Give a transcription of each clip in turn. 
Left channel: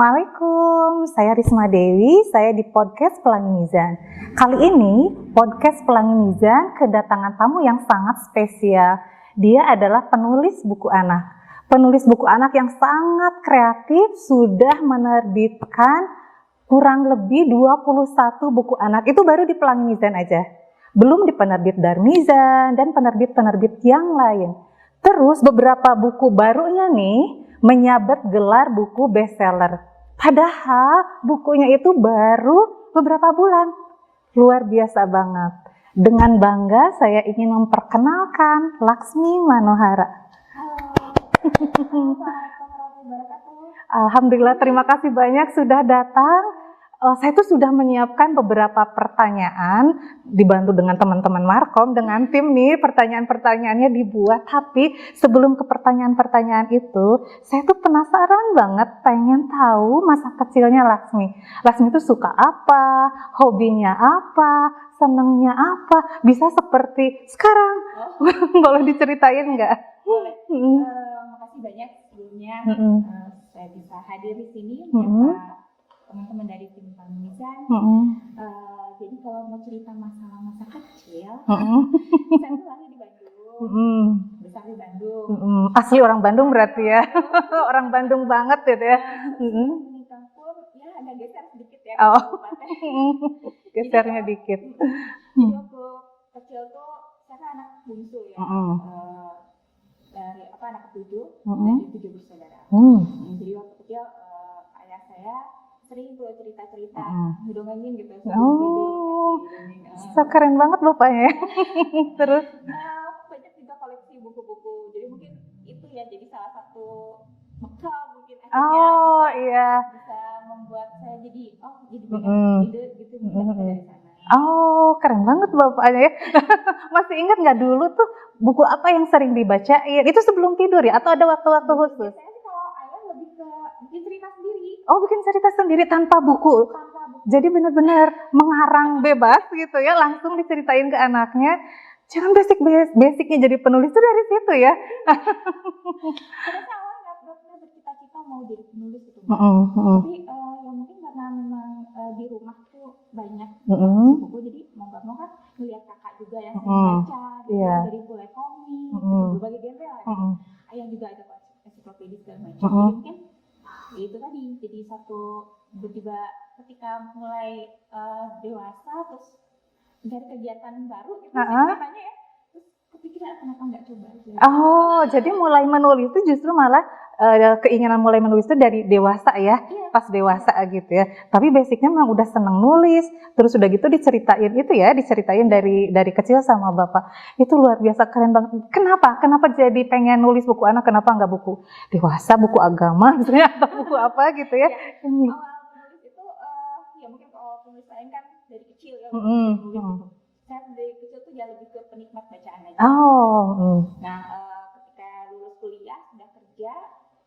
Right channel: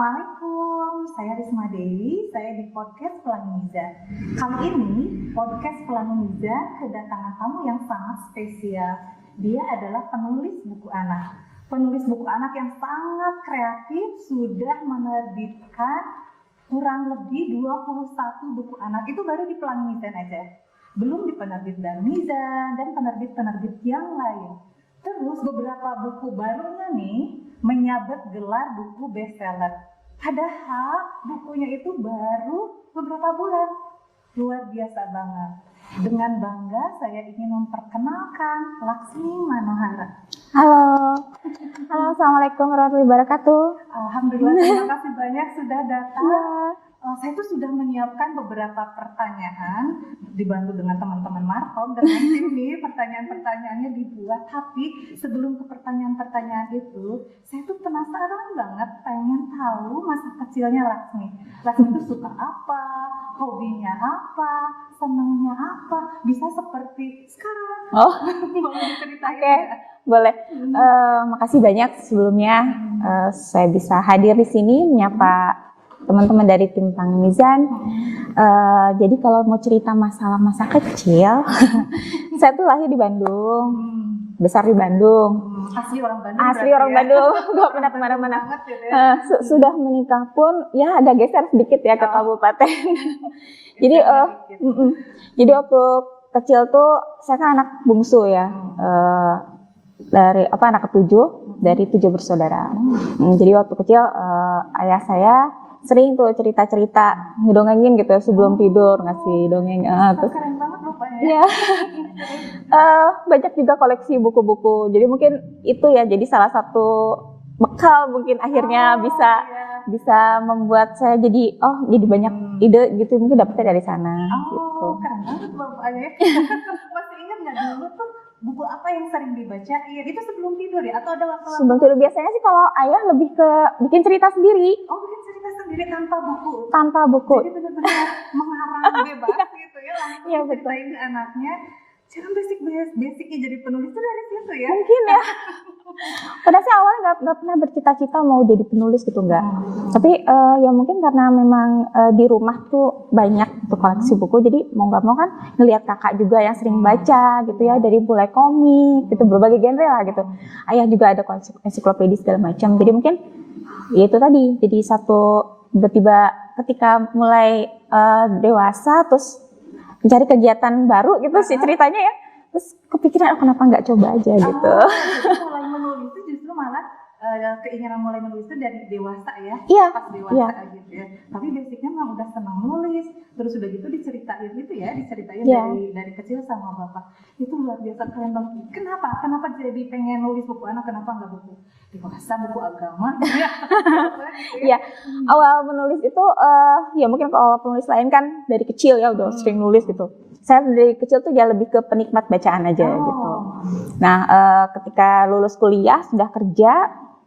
Assalamualaikum, saya Risma Dewi, saya di podcast Pelangi Mizan. Kali ini, podcast Pelangi Mizan kedatangan tamu yang sangat spesial. Dia adalah penulis buku anak. Penulis buku anak yang sangat kreatif, sudah menerbitkan kurang lebih 21 buku anak. Itu baru di Pelangi Mizan aja. Belum di penerbit Darmizan dan penerbit-penerbit yang lain. Terus beberapa buku barunya nih, menyabet gelar buku bestseller. Padahal bukunya itu baru beberapa bulan. Luar biasa banget. Dengan bangga saya ingin memperkenalkan Laksmi Manohara. Halo. Halo, Assalamualaikum warahmatullahi wabarakatuh. Alhamdulillah, terima kasih banyak sudah datang. Saya tuh sudah menyiapkan beberapa pertanyaan, dibantu dengan teman-teman Markom, dengan tim nih, pertanyaan-pertanyaannya dibuat. Tapi sebelum ke pertanyaan-pertanyaan itu, saya tuh penasaran banget, pengen tahu masa kecilnya Laksmi. Laksmi itu suka apa, hobinya apa, senengnya apa, bisa seperti sekarang. Boleh diceritain nggak? Boleh. Makasih banyak sebelumnya saya bisa hadir di sini menyapa teman-teman dari tim Pelangi Mizan. Jadi kalau mau cerita masalah masa kecil, saya tuh lahir di Bandung, besar di Bandung. Asli orang Bandung berarti orang ya? Bandung. Orang Bandung banget gitu ya? Sudah menikah pun ya ada geser sedikit ya ke kabupaten. Jadi dikit. Jadi waktu kecil tuh saya kan anak bungsu ya. Dari anak ketujuh dari 7 bersaudara. Jadi waktu kecil ayah saya sering tuh cerita-cerita ngedongengin gitu sebelum tidur, ngasih dongeng. Keren banget bapaknya. Iya. Terus banyak juga koleksi buku-buku. Jadi mungkin itu ya jadi salah satu bekal mungkin akhirnya bisa membuat saya jadi banyak ide gitu, mungkin dapetnya dari sana. Gitu. Keren banget bapaknya ya. Masih ingat nggak dulu tuh buku apa yang sering dibacain? Itu sebelum tidur ya? Atau ada waktu-waktu? Biasanya sih kalau ayah lebih ke bikin cerita sendiri. Bikin cerita sendiri tanpa buku? Tanpa buku. Jadi benar-benar mengarang bebas gitu ya, langsung diceritain ke anaknya. Jangan basicnya jadi penulis tuh dari situ ya? Mungkin ya. Padahal sih awalnya nggak pernah bercita-cita mau jadi penulis gitu, enggak. Tapi ya mungkin karena memang di rumah tuh banyak koleksi buku, jadi mau nggak mau kan ngelihat kakak juga yang sering baca gitu ya, dari mulai komik gitu, berbagai genre lah gitu. Ayah juga ada koleksi ensiklopedi segala macam. Jadi mungkin ya itu tadi, jadi satu tiba-tiba ketika mulai dewasa terus mencari kegiatan baru gitu sih ceritanya ya. Terus kepikiran kenapa nggak coba aja gitu. Jadi mulai menulis itu justru malah keinginan mulai menulis itu dari dewasa ya? Iya. Pas dewasa gitu ya. Tapi basicnya memang udah seneng nulis. Terus udah gitu diceritain itu ya, diceritain dari kecil sama bapak. Itu luar biasa, keren banget. Kenapa? Kenapa jadi pengen nulis buku anak? Kenapa nggak buku dewasa, buku agama gitu ya? Atau buku apa gitu ya? Awal menulis itu ya mungkin kalau penulis lain kan dari kecil ya udah sering nulis gitu. Saya dari kecil tuh ya lebih ke penikmat bacaan aja gitu. Nah ketika lulus kuliah sudah kerja,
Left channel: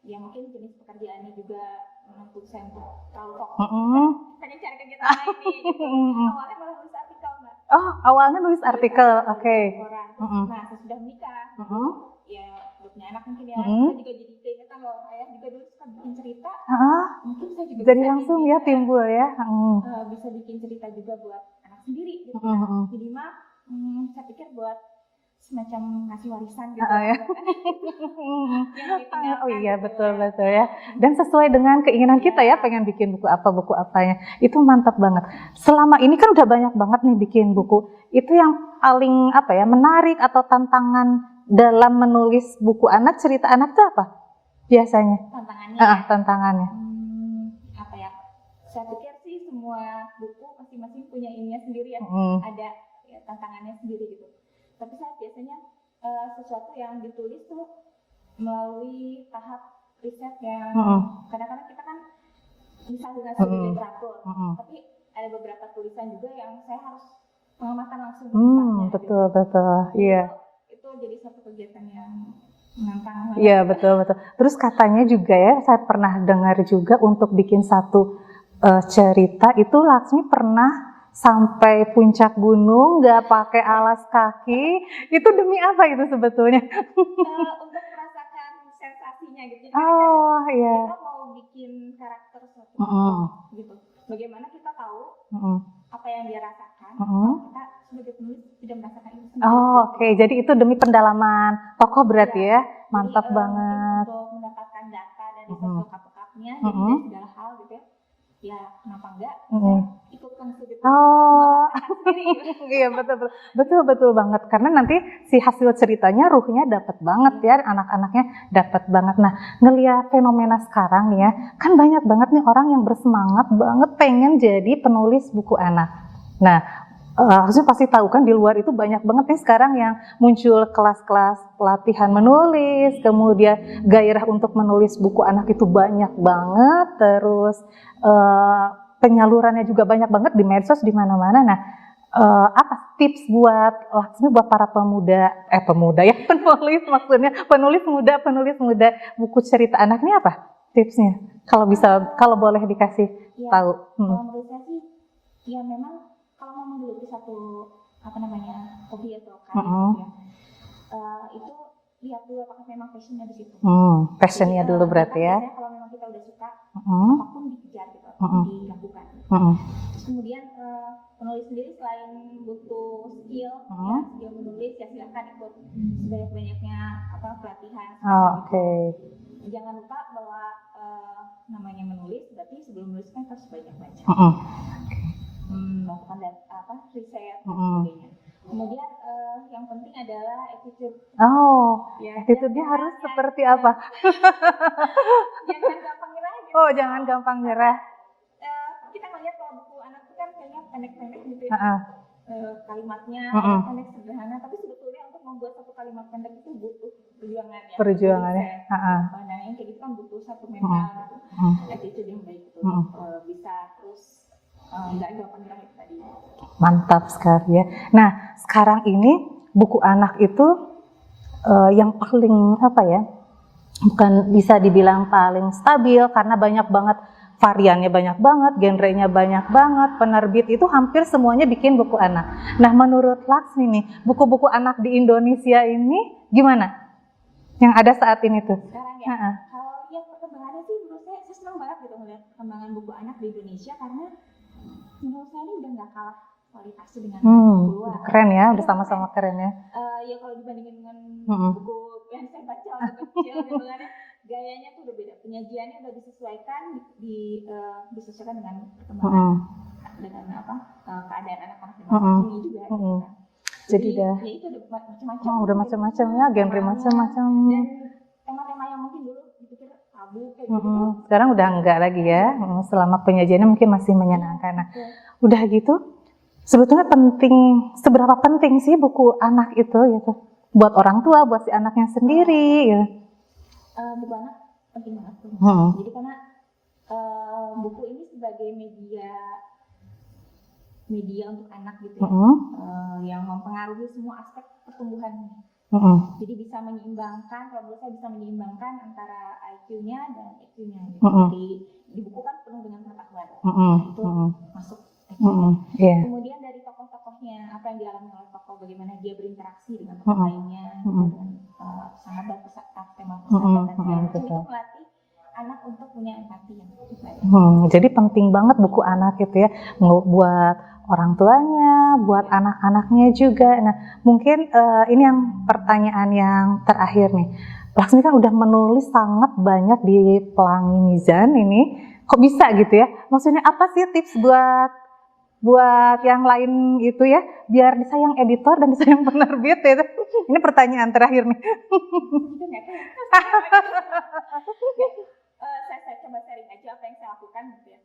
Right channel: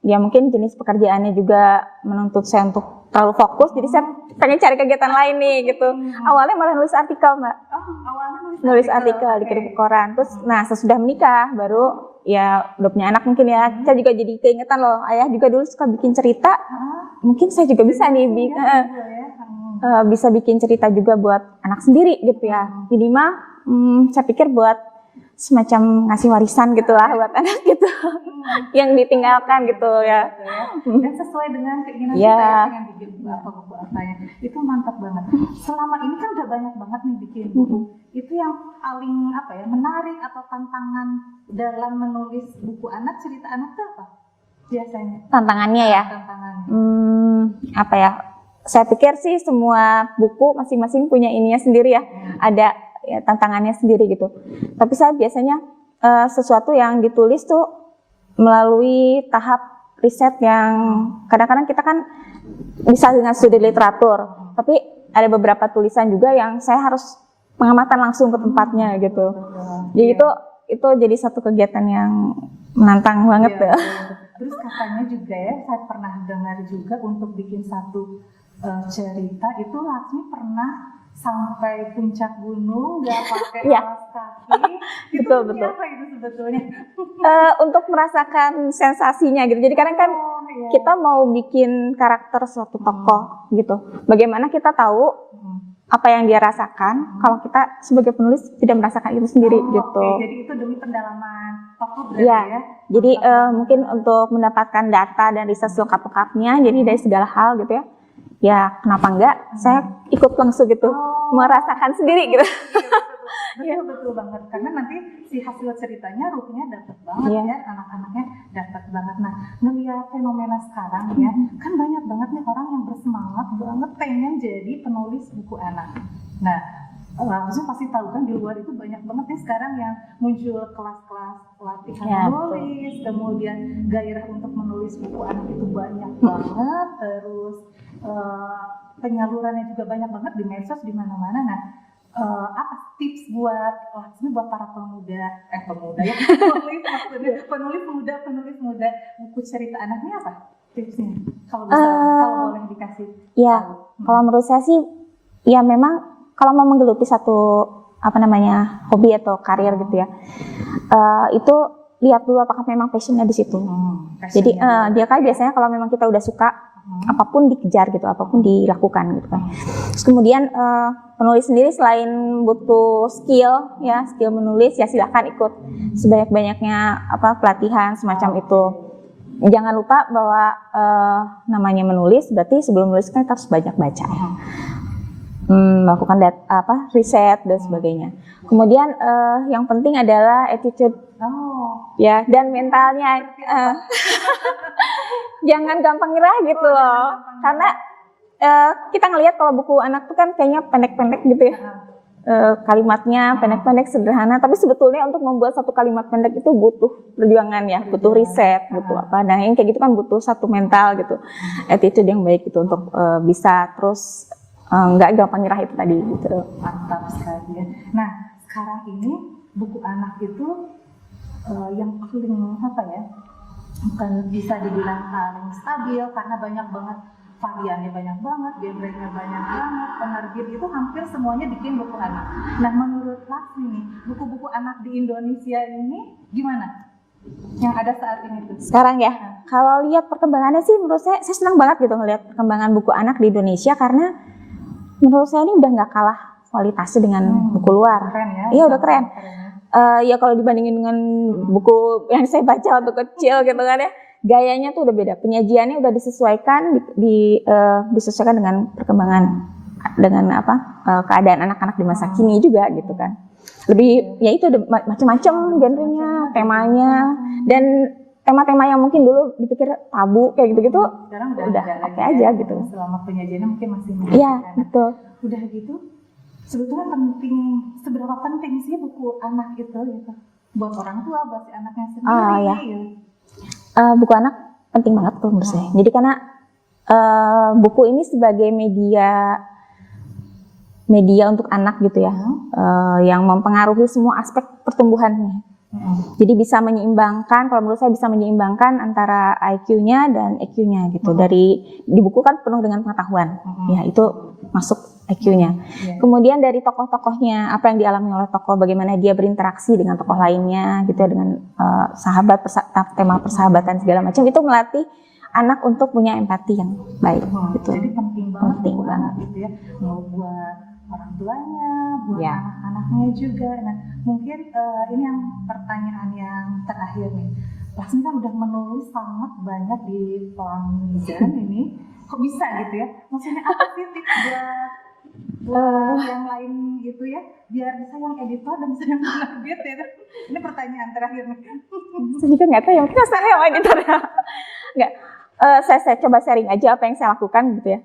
ya mungkin jenis pekerjaannya juga menuntut saya untuk terlalu fokus, jadi saya pengen cari kegiatan lain nih gitu. Awalnya malah nulis artikel, Mbak. Awalnya nulis artikel di koran. Terus nah sesudah menikah baru ya udah punya anak mungkin ya, saya juga jadi keingetan loh, ayah juga dulu suka bikin cerita, mungkin saya juga bisa nih bisa bikin cerita juga buat anak sendiri gitu ya. Jadi saya pikir buat semacam ngasih warisan gitulah buat anak gitu yang ditinggalkan betul ya. Dan sesuai dengan keinginan kita ya, pengen bikin buku apanya itu mantap banget. Selama ini kan udah banyak banget nih bikin buku. Itu yang paling menarik atau tantangan dalam menulis buku anak, cerita anak itu apa biasanya tantangannya ya? Tantangannya saya pikir sih semua buku masing-masing punya ininya sendiri ya. Ada ya, tantangannya sendiri gitu. Tapi saya biasanya sesuatu yang ditulis tuh melalui tahap riset yang kadang-kadang kita kan bisa dengan studi literatur, tapi ada beberapa tulisan juga yang saya harus pengamatan langsung ke tempatnya gitu. Jadi itu jadi satu kegiatan yang menantang banget. Betul. Terus katanya juga ya, saya pernah dengar juga untuk bikin satu cerita itu Laksmi pernah sampai puncak gunung, nggak pakai Iya. alas kaki, itu Betul, demi betul. apa itu sebetulnya? Untuk merasakan sensasinya gitu. Jadi karena kan Oh, iya. kita mau bikin karakter suatu tokoh gitu. Bagaimana kita tahu apa yang dia rasakan kalau kita sebagai penulis tidak merasakan itu sendiri Oh, gitu. oke. Jadi itu demi pendalaman tokoh berarti ya. Jadi Mantap banget. mungkin untuk mendapatkan data dan riset selengkap-lengkapnya, jadi dari segala hal gitu ya. Ya kenapa enggak? Saya ikut langsung gitu, merasakan sendiri gitu. Iya, betul banget. Karena nanti si hasil ceritanya ruhnya dapat banget ya, anak-anaknya dapat banget. Nah, ngelihat fenomena sekarang ya, kan banyak banget nih orang yang bersemangat banget pengen jadi penulis buku anak. Nah, harusnya pasti tahu kan di luar itu banyak banget nih sekarang yang muncul kelas-kelas pelatihan menulis, kemudian gairah untuk menulis buku anak itu banyak banget, terus penyalurannya juga banyak banget di medsos di mana-mana. Nah, apa tips buat Laksmi buat para pemuda ya penulis maksudnya penulis muda buku cerita anak ini apa tipsnya? Kalau bisa kalau boleh dikasih tahu. Kalau menurut saya sih ya memang kalau mau menggeluti satu hobi atau karir gitu ya, itu lihat dulu apakah memang passionnya di situ. Jadi dia kan biasanya kalau memang kita udah suka, apapun dikejar gitu, apapun dilakukan gitu kan. Terus kemudian penulis sendiri selain butuh skill menulis ya silahkan ikut sebanyak-banyaknya pelatihan semacam itu. Jangan lupa bahwa namanya menulis berarti sebelum menulis kan kita harus banyak baca. Melakukan riset dan sebagainya. Kemudian yang penting adalah attitude dan mentalnya seperti apa? Jangan gampang nyerah gitu loh. Jangan gampang nyerah. Karena kita ngelihat kalau buku anak tuh kan kayaknya pendek-pendek gitu ya. Kalimatnya pendek-pendek sederhana, tapi sebetulnya untuk membuat satu kalimat pendek itu butuh perjuangan ya, butuh riset, butuh apa. Nah, yang kayak gitu kan butuh satu mental gitu. Attitude yang baik gitu untuk bisa terus nggak gampang nyerah itu tadi gitu. Mantap sekali ya. Nah, sekarang ini buku anak itu yang paling bukan bisa dibilang paling stabil karena banyak banget variannya, banyak banget genrenya, banyak banget penerbit itu hampir semuanya bikin buku anak. Nah, menurut Laksmi nih, buku-buku anak di Indonesia ini gimana? Yang ada saat ini tuh sekarang ya. Kalau lihat perkembangannya sih menurut saya senang banget gitu ngelihat perkembangan buku anak di Indonesia karena menurut saya ini udah nggak kalah kualitasnya dengan buku luar. Keren ya? Iya udah keren. Ya. Ya kalau dibandingin dengan buku yang saya baca waktu kecil gitu kan ya, gayanya tuh udah beda. Penyajiannya udah disesuaikan disesuaikan dengan perkembangan dengan keadaan anak-anak di masa kini juga gitu kan. Lebih ya itu macam-macam genrenya, temanya dan tema-tema yang mungkin dulu dipikir tabu kayak gitu-gitu sekarang udah enggak lagi ya gitu. Selama penyajiannya mungkin masih menyenangkan. Betul. Udah gitu sebetulnya seberapa penting sih buku anak itu gitu buat orang tua, buat si anaknya sendiri gitu. Buku anak penting banget tuh menurut saya. Jadi karena buku ini sebagai media untuk anak gitu ya, yang mempengaruhi semua aspek pertumbuhannya. Jadi bisa menyeimbangkan, kalau menurut saya bisa menyeimbangkan antara IQ-nya dan EQ-nya gitu. Di buku kan penuh dengan pengetahuan, ya itu masuk IQ-nya. Kemudian dari tokoh-tokohnya, apa yang dialami oleh tokoh, bagaimana dia berinteraksi dengan tokoh lainnya, gitu dengan tema persahabatan segala macam, itu melatih anak untuk punya empati yang baik. Gitu. Jadi penting banget buku anak gitu ya, buat orang tuanya, buat anak-anaknya juga. Nah, mungkin ini yang pertanyaan yang terakhir nih. Laksmi kan udah menulis sangat banyak di Pelangi Mizan ini. Kok bisa gitu ya? Maksudnya apa sih tips buat yang lain itu ya, biar disayang editor dan disayang penerbit itu? Ini pertanyaan terakhir nih. Saya juga nggak tahu ya, mungkin saya sama editor ya. Nggak. Saya coba sharing aja apa yang saya lakukan gitu ya.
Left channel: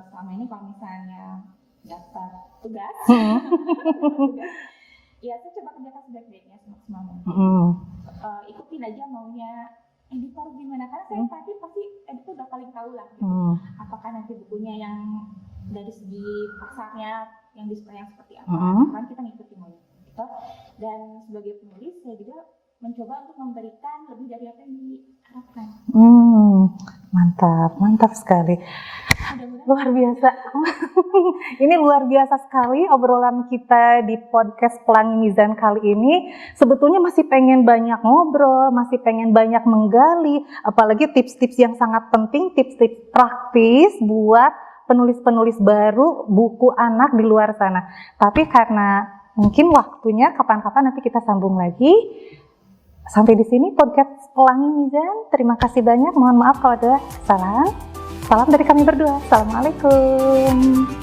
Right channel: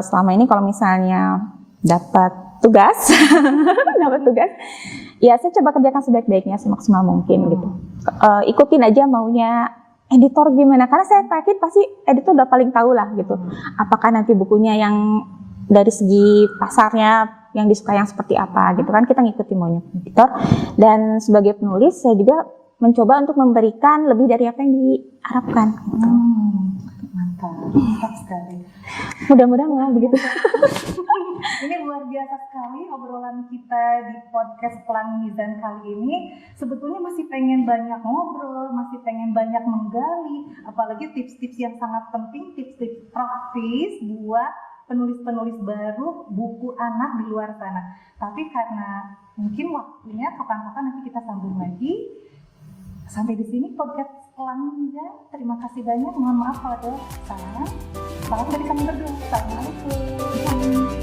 Selama ini kalau misalnya dapat tugas, ya saya coba kerjakan sebaik-baiknya, semaksimal mungkin gitu. Ikutin aja maunya editor gimana, karena saya yakin pasti editor udah paling tahu lah gitu. Apakah nanti bukunya yang dari segi pasarnya yang disukai yang seperti apa gitu kan, kita ngikutin maunya editor. Dan sebagai penulis saya juga mencoba untuk memberikan lebih dari apa yang diharapkan. Mantap sekali. Mudah-mudahan Luar biasa. Ini luar biasa sekali obrolan kita di podcast Pelangi Mizan kali ini. Sebetulnya masih pengen banyak ngobrol, masih pengen banyak menggali, apalagi tips-tips yang sangat penting, tips-tips praktis buat penulis-penulis baru buku anak di luar sana. Tapi karena mungkin waktunya kapan-kapan nanti kita sambung lagi. Sampai di sini podcast Pelangi Mizan. Terima kasih banyak. Mohon maaf kalau ada salah. Salam dari kami berdua. Assalamualaikum.